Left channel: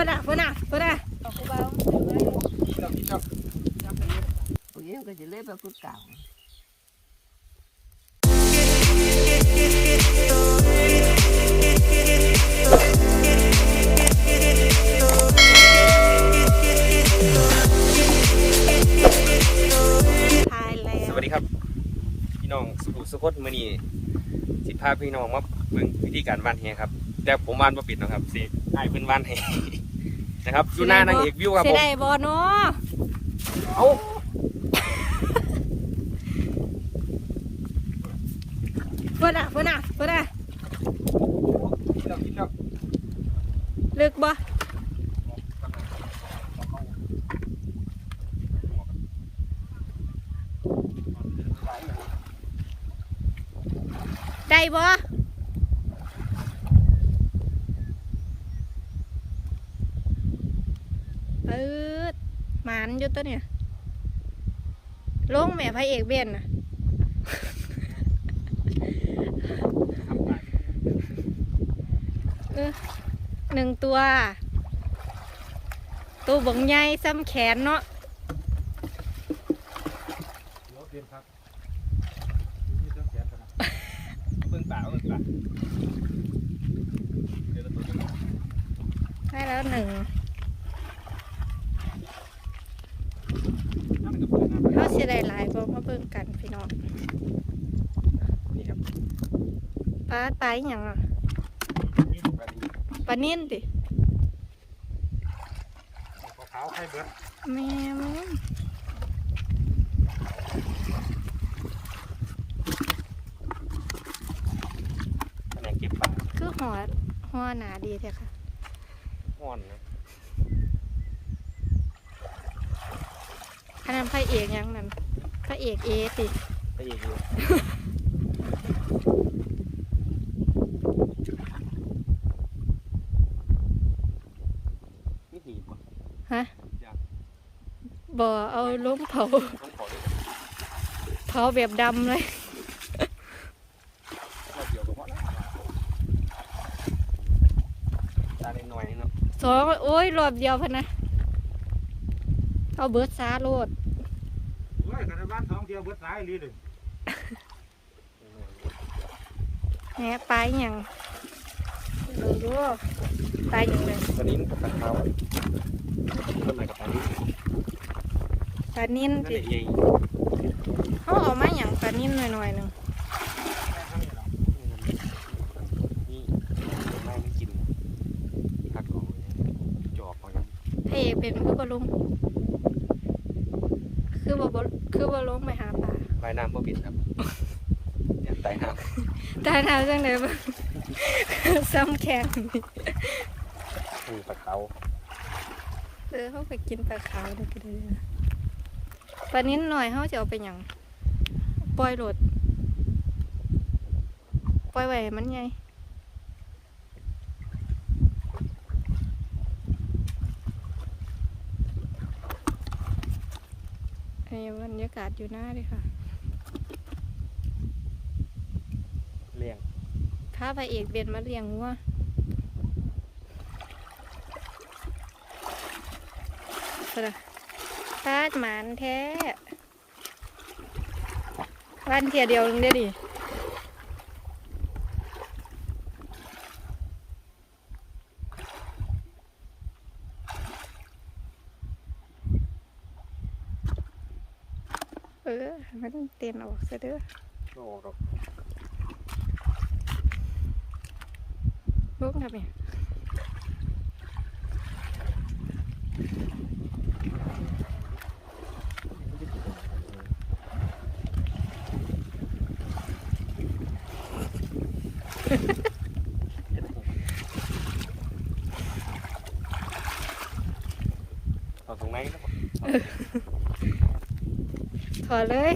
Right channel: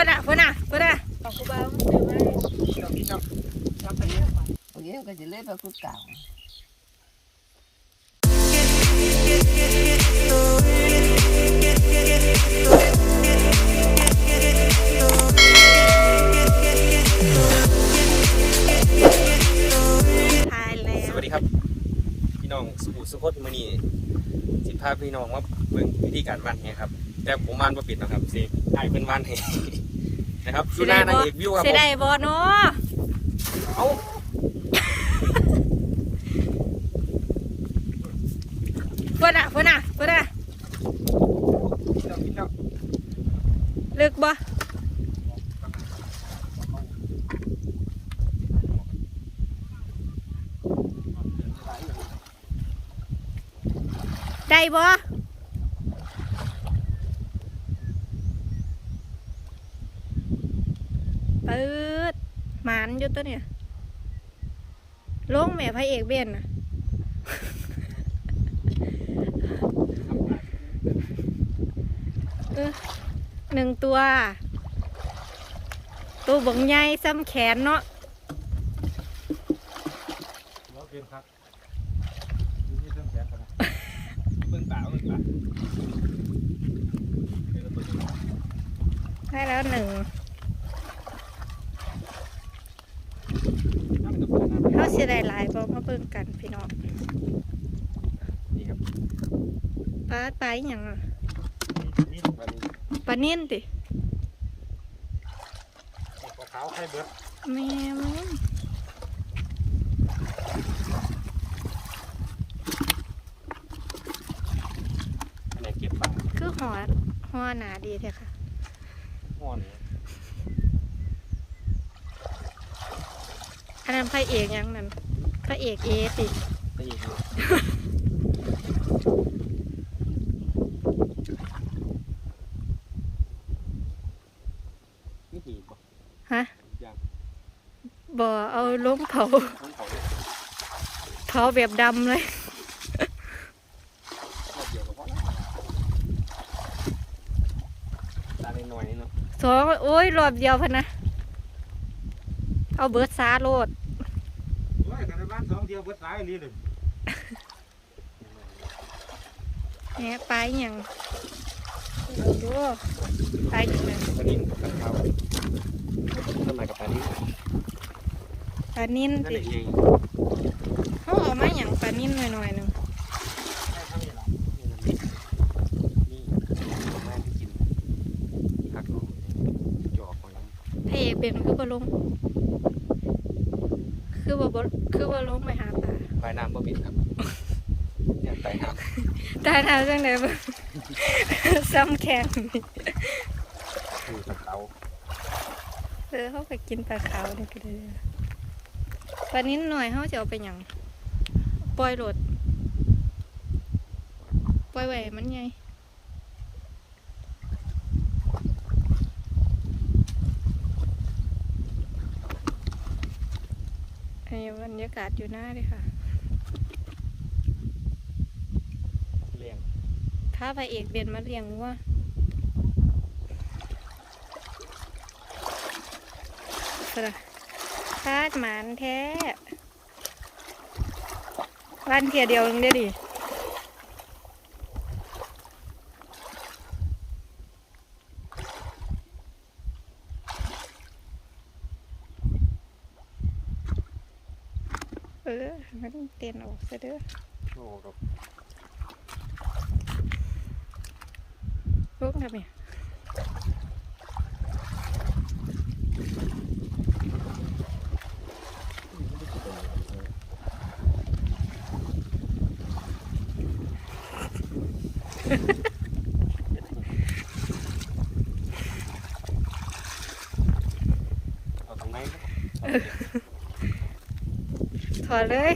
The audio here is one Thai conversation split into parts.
พื่นอะเพื่อนอะเพื่อนอะเอากูบ้ามันซื้อมาโอเคก็จะเล่นแบบผู้เก่า ทายแล้สว วัสดีครับ พี่น้องสุขุสุขดมือนี้สิพาพี่น้องมาเบิ่งวิธีการวานแหครับ แต่ผมวานบ่ปิดหรอกครับสิไอ้ายเป็นวานแห นะครับดูหน้านางเอกวิวครับเสีผยมดายบอเนาะเอ้าเพื่อนอะเพื่อนอะเพื่อนอะลึกบ่ได้บ่ ปืดหมานอยู่ตัวเนี่ยลงแม่พระเอกเบียนน่ะเออหนึ่งตัว ตัวบังใหญ่ซ้ำแขนเนาะเราเปลี่ยนครับดูนี่ต้องแขนก่อนนะเบิ่งป่าเบิ่งป่าเดี๋ยวเราตัวนี้ได้แล้วหนึ่ง น่าเป็นกับผมนะ เขาเสียดายหลายบ่มาเบิ่งกันพี่น้องนี่ครับปลาปลาอหย่างอะนี่ปลานิลปลานิ่นติขาวๆไข่เบิดแม่มึงคะแนนเก็บป่าคือหัวหัวหนาดีเถอะค่ะห้อนเลย อันนั้นพระเอกหยังนั่นพระเอกเอติก็อยู่ดูนี่ดีป่ะฮะยากบ่เอาลงเผาต้องขอเลยเผาแบบดำเลย รอบเดียวก็พอแล้วตาเล็กน้อยนี่เนาะสองโอ้ยรอบเดียวพะนะ เอาเบิร์ดซาโลดโอ้ ยกันในบ้านท้องเที่ยวเบิดสายลีเลยแหนปลาอหย่างเบิ่งอยู่ปลาอยู่ไหนปลาดิ้นกับปลาเขาต้นไม้กับปลาดิ้นปลานิ่นนั่นติเองเขาเอามาอย่างปลานิ่นหน่อยๆหนึ่งนี่ไม่ได้กินมีกัดคอจอบเอาอย่างพระเอกเป็นคือบอลงคือบอ คือบอลงไปหาปลาปลายน้ำบ่บิดครับ เนี่ยไต่น้ตาหนาวจังเลยบ่ ซ้ำแข็งำคือกับเตาเออเขาไปกินปลาขาวนี่ก็ได้ปลานิ่นหน่อยเขาจะเอาไปหยังปล่อยโหลดปล่อยไว้ให้มันไง ไอ้บรรยากาศอยู่หน้าเลยค่ะเลี้ยงถ้าพระเอกเบียนมาเลี้ยงวัวสระตาดหมานแท้วันเทียเดียวนึงได้ดิเอ อให้มันเตียนออกซะเด้อโอ้ดอกลูกทำไงเอาตรงไหนก็ ถ อเลย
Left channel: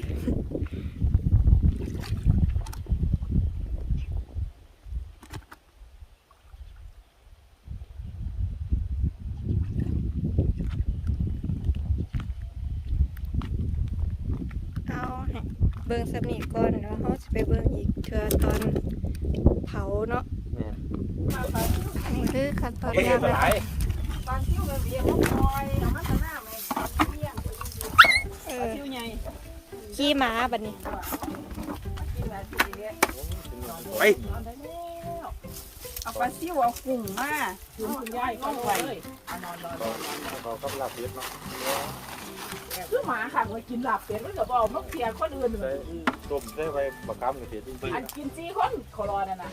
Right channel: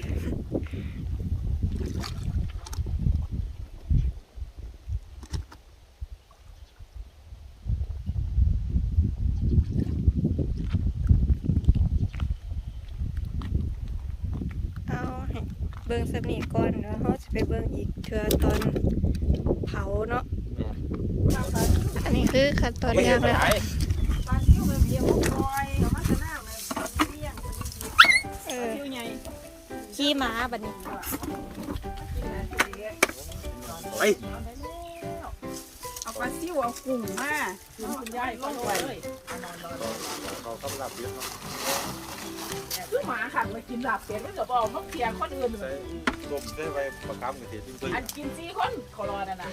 เอาให้เบิ่งสำนีก่อนแล้วเขาจะไปเบิ่งอีกเทื่อตอนเผาเนาะ อันนี้คือขั้นตอนย่างแล้ว เออามันตะหน้าเลยเลี้ยง ขี้หมาบัดนี้ ไปเอาปลาซิวเอากุ้งมาคุณคุณยายก็เลยคือหมาค่ะมากินหลับเป็ดมันก็บอกมันเพียงคนอื่นใส่ต้มได้ไว้ประกำนี่เดี๋ยวเพิ่งอันกินซีคนขอรอนะนะ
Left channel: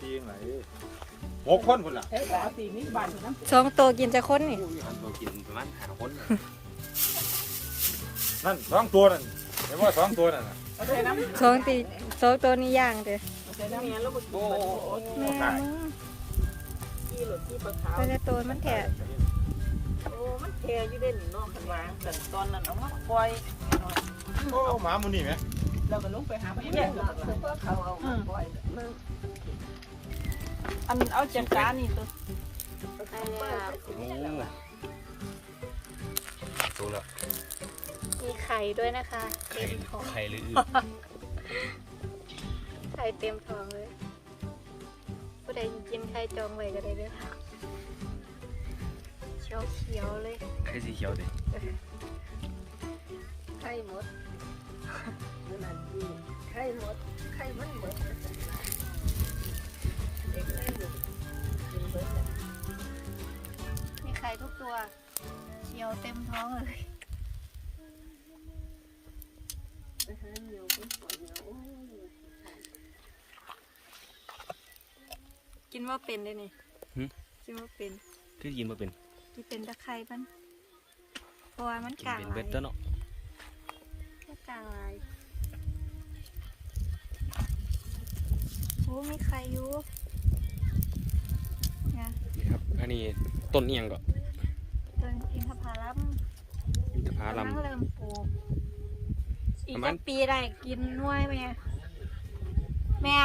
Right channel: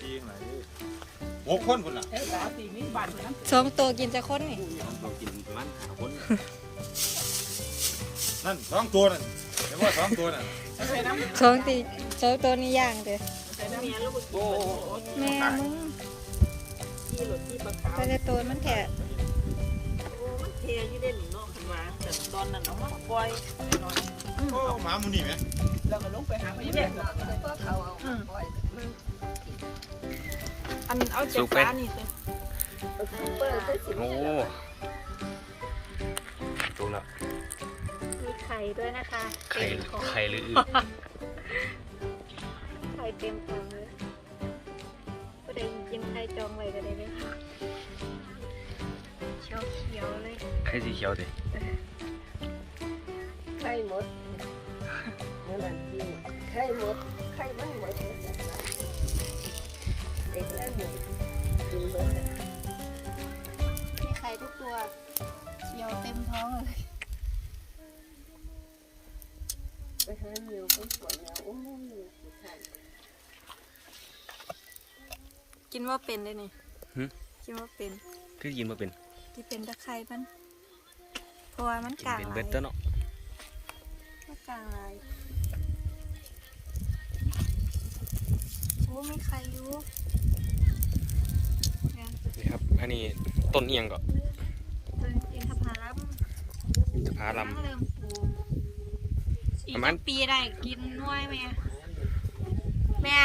ทีไหนหกคนคุณน่ะเออสาวสีนี่บ้านน้ำสองตัวกินจะค้นนี่ ต้องตัวกินประมาณหาคน นั่นสองตัวนั่นเห็น ว่าสองตัวนั่นใส่น้ำสองตีสองตัวนี้ย่างเด้อใส่น้ำเมียแล้วโอ้แม่มึงที่หลุดที่ปลาแต่ละตัวมันแถะโอ้มันเทอยู่เด่นน้องขึ้นมาแต่ตอนนั้นเอามาปล่อยโอ้หมาหมูนี่ไหมแล้วก็ลุกไปหาพยาบาลอันเอาจากปลานี่ตัวโอ้ตัวละมีไข่ด้วยนะคะไข่เต็มท้องไข่หรือไข่เต็มท้องเลยผู้ใดกินไข่จองไว้ก็ได้เลยเขียวเขียวๆเลยไข่สีเขียวดิไข่หมดเมื่อนั้นที่ไข่หมดไข่ไม่หมดเด็กไข่หมดกินหมดมีไข่ทุกตัวเขียวเต็มท้องเลย ไปหาเหนียวคนสวยแล้วโอ้ยกินว่าเป็นได้นี่กินว่าเป็น คือกินมาเป็นกินเป็นตะไคร้มันเพราะว่ามันกินกลางเป็นหเบ็ดยต้อเนาะมันกลางหลายโอ้ไม่ไข่อยู่นี่ครับ อันนี้ต้นเอียงก็มันอินทผลัมอินทผลัม เริ่มป อีกประมาณจักปีได้กินหน้วยแม่ แม่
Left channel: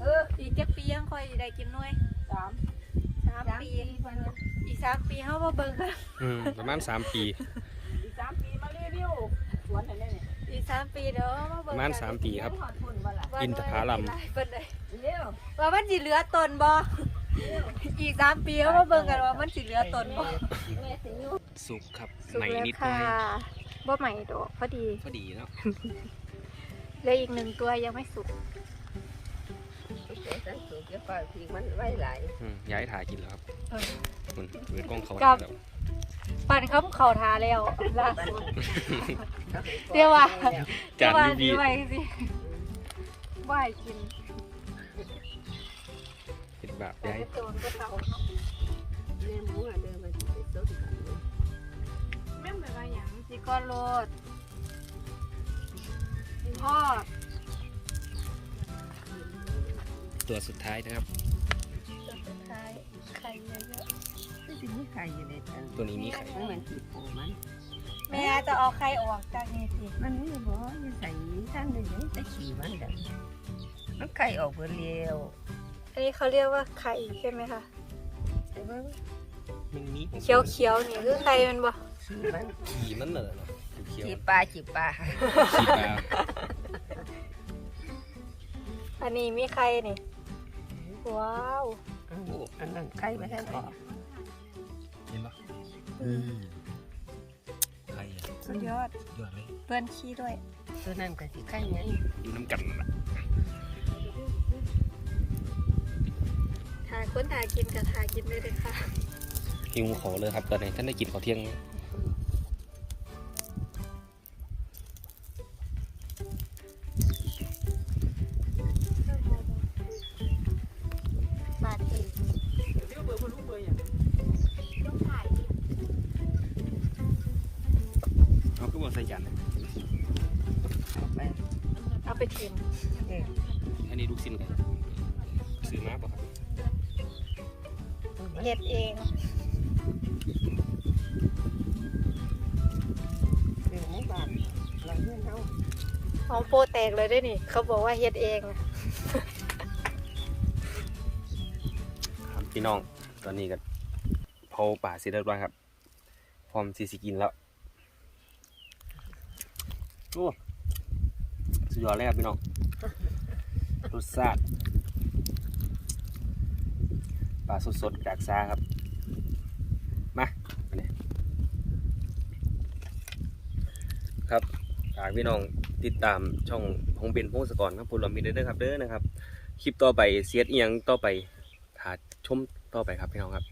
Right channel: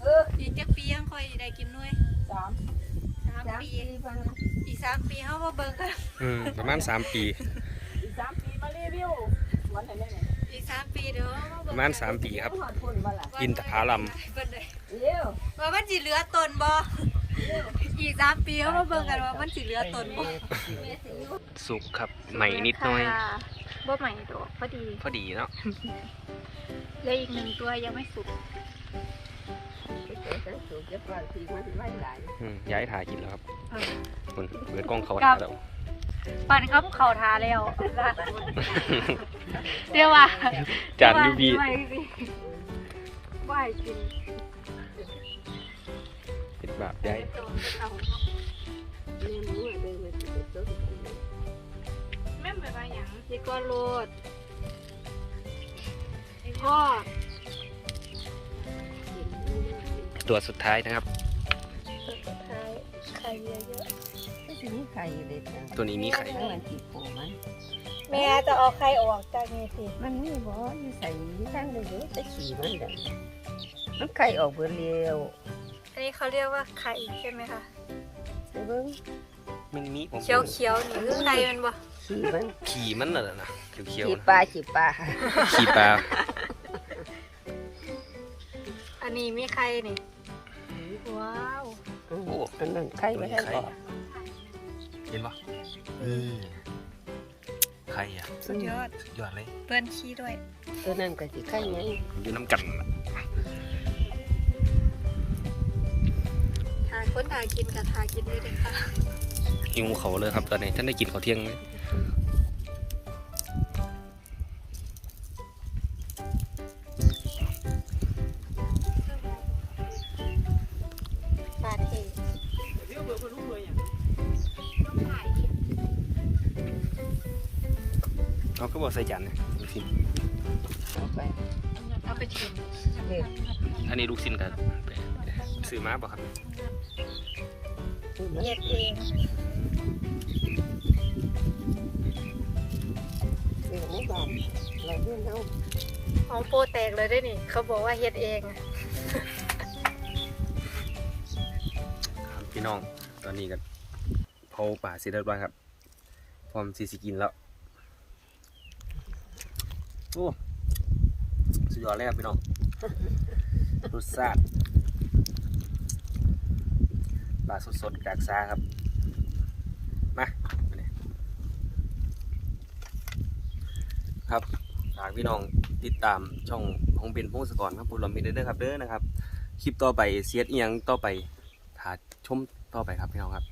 เอออีกจักปียังค่อยได้กินหน้วยสามสามปีอีกสามปีเขาบ่เบิ่งกันอืมประมาณสามปีอีกสามปีมารีวิวสวนไหนเนี่ยอีกสามปีเดี๋ยวเบิ่งประมาณสามปีครับมาทุนมาละว่าอินทผลัมเป็นไดเร็วว่ามันสิเหลือตนบ่อีกสามปีเขาบ่เบิ่งกันว่ามันสิเหลือตนบ่สุกครับใหม่นิดหน่อยค่ะ บ่ใหม่ดอกพอดีพอดีเนาะเหลืออีกหนึ่งตัวยังไม่สุกไปเจอสังสูบจะปล่อยทีมันไว้หลายอืมย้ายถ่ายกินแล้วครับคุณเปิดกล้องเขาถ่ายแล้วปั่นเขาเขาทาแล้วล่ะเดี๋ยวว่าจานยูบีไม่สิบ่ให้กินเป็นแบบย้ายแม่หมูอะเดินมาสิไปต้นกัน หยังสิก้อนโลดพ่อกินไม่ได้กินตัวสุดท้ายนะครับสุดท้ายไข่เยอะไม่ใช่มีไข่เด็ดมันตัวนี้มีไข่มันติดปูมันๆแม่จะเอาไข่ออกจากนี่สิมันนี่บอกว่ามันใส่ตั้งได้เยอะแต่ขี่มันได้มันไข่ออกเบอร์เร็วอันนี้เขาเรียกว่าไข่ใช่ไหมคะใช่เบิ้งมันมีผมเขียวเขียวๆนี่คือไข่มันบ่ ขี่มันขี่มันน่ะนะเขียวขี่ๆนะปลาขี่ปลาขี่ปลาอันนี้มีไข่นี่ว้าวโอ้อันนั้นไข่ไม่ใช่หรอเห็นปะนี่ไข่อะสุดยอดยอดเลยเปื้อนขี้ด้วยตัวนั้นก็สิไข่ไงอยู่น้ำกันล่ะหาคนหากินกับหากินด้วยเลยค่ะหิวเขาเลยครับตอนนี้ท่านได้กินข้าวเที่ยงไหม ส่จานนะลูกชิ้นเอาไปเอาไปชิมเด็กอันนี้ลูกชิ้นกันซื้อมาบ่ครับเย็ดเองเด็กไม่บาดเราเพื่อนเขาของโปรแตกเลยด้วยนี่ เขาบอกว่าเฮ็ดเองพี่น้องตอนนี้กันเผาป่าเสร็จเรียบร้อยครับ พร้อมสิสิกินแล้วโอ้สุดยอดเลยครับพี่น้องรสชาติปลาสดๆจากซาครับ มาอันนี้ครับฝากพี่น้องติดตามช่องของเบนพงศกรครับพูดลมิดเด้อครับเด้อนะครับ คลิปต่อไปเสียดเอียงต่อไปถาชมต่อไปครับพี่น้องครับ